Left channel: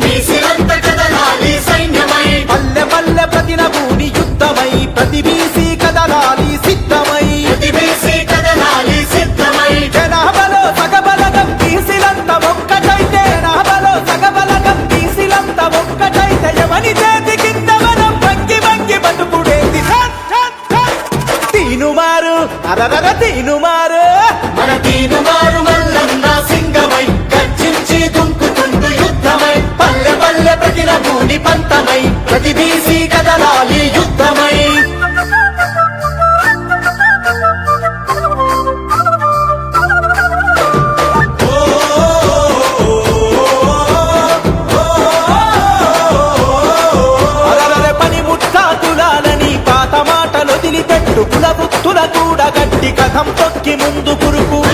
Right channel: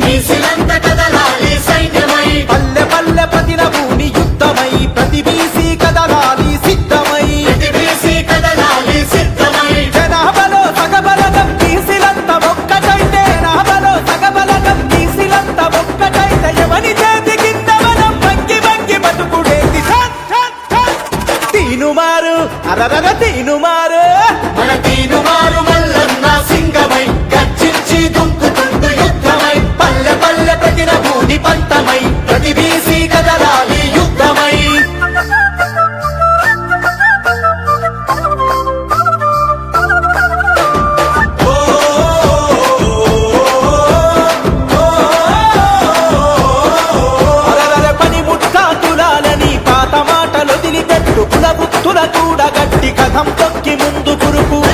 బీసీలంత కదలాలి సైన్యమై. పల్లె పల్లె యుద్ధమై. ప్రతి కదలాలి సిద్ధమై. ప్రతి బీసీ కదలాలి సిద్ధమై. జనాభాలో సగబలగం బీసీలంత ఒక్కటైతే జనాభాలో సగబలగం బీసీలంత ఒక్కటైతే ఎవని చేతి కింద మనం వంగి వంగి బతుకుడేది. తీనుమారు అరరర తీనుమారు. మన తీనుమారు మల్లన్న సింగమై వచ్చి దుంకుతుంది యుద్ధమై. పల్లె పల్లె ప్రతిన భూమి పంతమై. ప్రతి బీసీ కదలాలి యుద్ధమై. అరరరె పాత మాటలు వదిలిపెట్టు. కుల వృత్తుల కూడా గట్టి కథం తొక్కి ముందు కురుకు.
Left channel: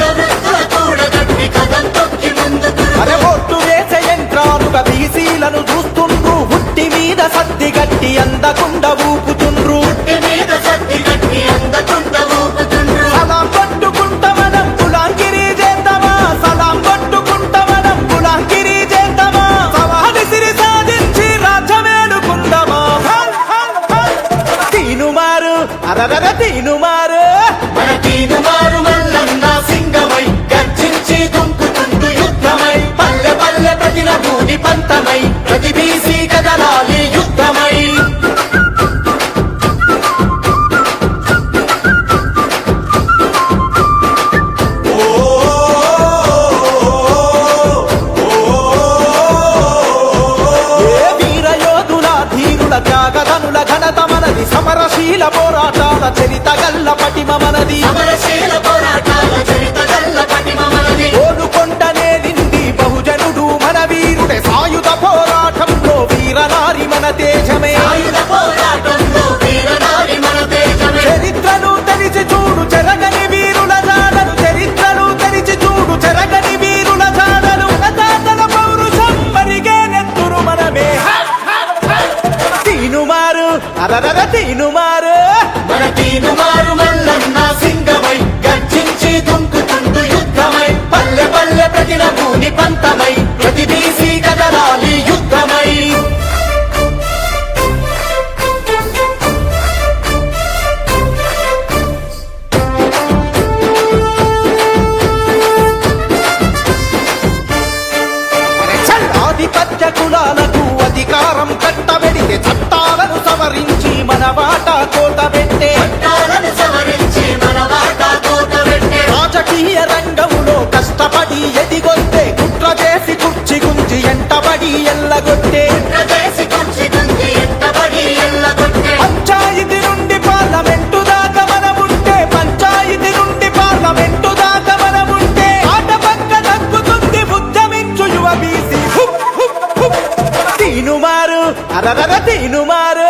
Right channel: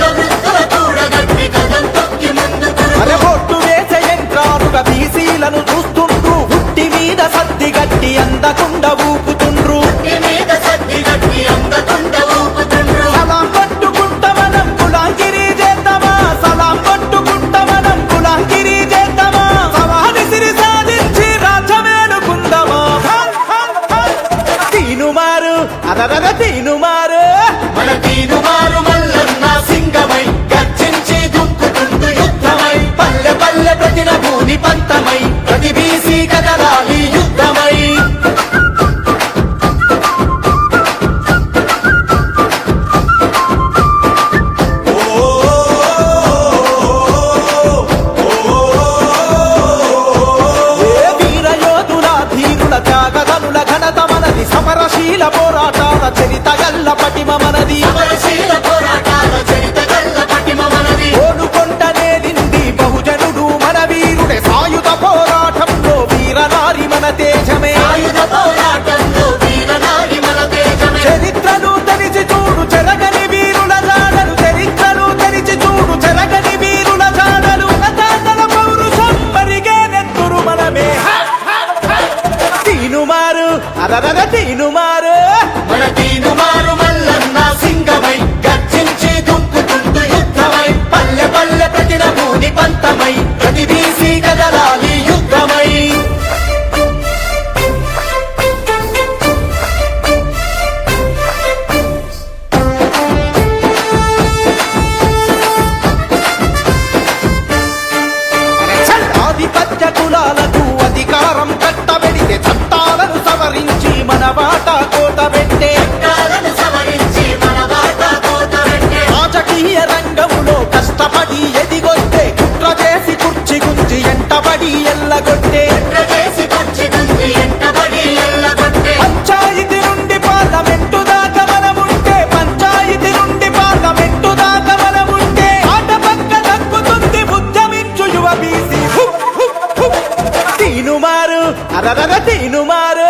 యంత్రాలుగా బీసీలను చూస్తుండ్రు. హుట్టి మీద సద్ది గట్టి అందకుండా ఊపుతుండ్రు. మీద సత్తి గట్టి అందకుంట ఊపుతుండ్రు సలాం కొట్టుకుంట మనం కులాంగిరి చేద్దామా? సలాం కొట్టుకుంట మనం కులాంగిరి చేద్దామా? సవాది సిరి సాధించి రాజ్యమేలుకుందామా? హల్, హల్, హల్. తీనుమారు. అరరర తీనుమారు. మన తీనుమారు. ఘనత మనది. సమరశీల పోరాటాల చరిత గల్ల పటిమ మనది. సమరశీల పోరాటాల చరిత గల్ల పటిమ మనది. ఓలుకొంట నేలింది బహుజనుడు మన వీరుడే. సాయుధ పోరాటంలో వీరనారి మన తేజమే. తీనుమారు మన తీనుమారు మల్లన్న సింగమై గర్జించి దుంకుతుండు యుద్ధమై పల్లె పల్లె ప్రతిన భూని పంతమై ప్రతి బీసీ కదలాలి యుద్ధమై. ఆధిపత్య కులాలకు అధికారం కట్టబెడితే చట్టాలను సవరించి మన వాటా కోట పెట్టే. రాజకీయ రంగములో కష్టపడి ఎదిగొస్తే కుట్ర చేసి కుర్చి గుంజి ఎంటబడి ఎల్లగొట్టే. పంచాయతీ నుండి పార్లమెంటు దాకా మనముంటే పంచాయతీ నుండి పార్లమెంటు దాకా మనముంటే. ఆట పక్క దక్కుతుంది ఉద్యమించు యువ బీసీ. తీనుమారు అరరర తీనుమారు.